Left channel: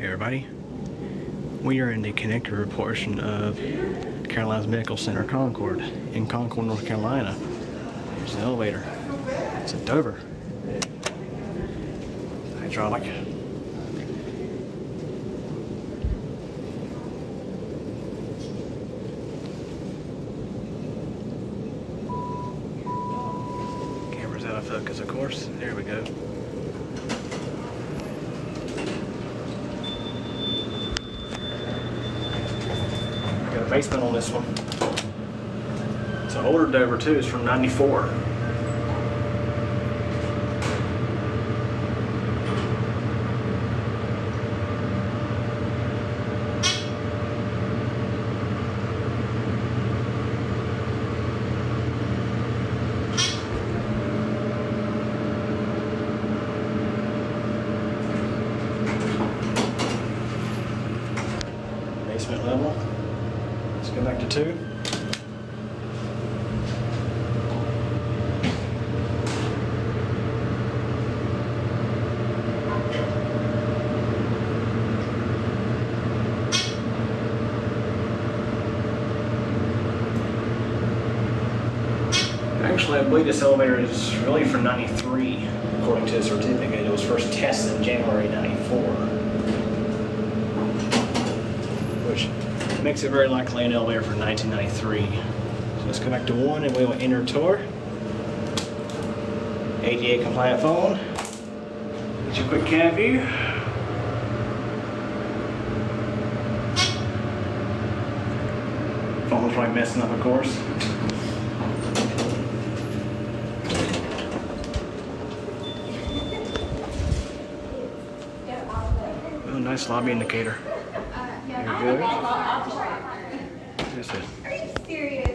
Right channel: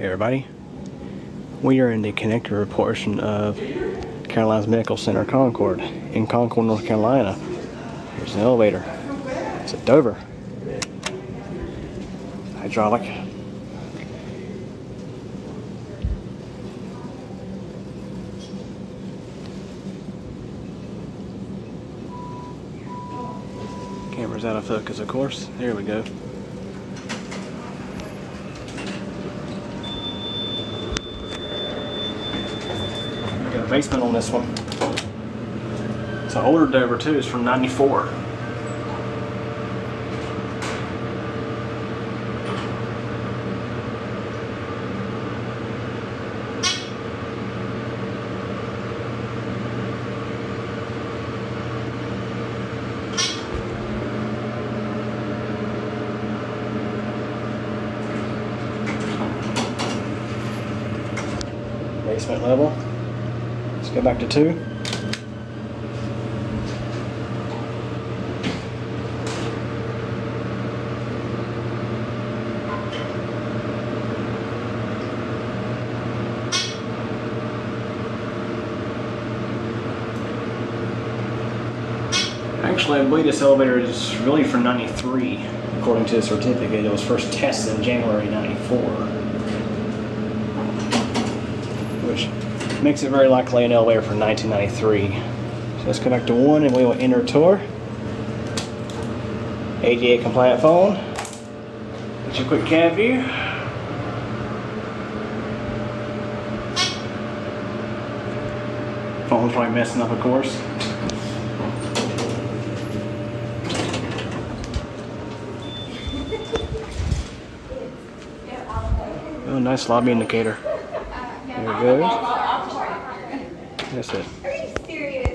Hey everybody, we are in the connector portion of Caroline's Medical Center, Concord, in Concord, North Carolina. There's an elevator. It's a Dover. Hydraulic. Camera's out of focus, of course. Here we go. Got a basement on this one. It's an older Dover too. It's from '94. Basement level. Let's go back to 2. Actually, I believe this elevator is really from '93, according to the certificate. It was first tested in January '94, which makes it very likely an elevator from 1993. So let's go back to 1 and we will enter tour. ADA compliant phone. Just a quick cab view. Phone's probably messing up, of course. Oh, nice lobby indicator. There it goes. That's it. Are you serious?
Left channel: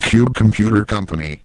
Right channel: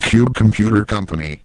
Cube Computer Company.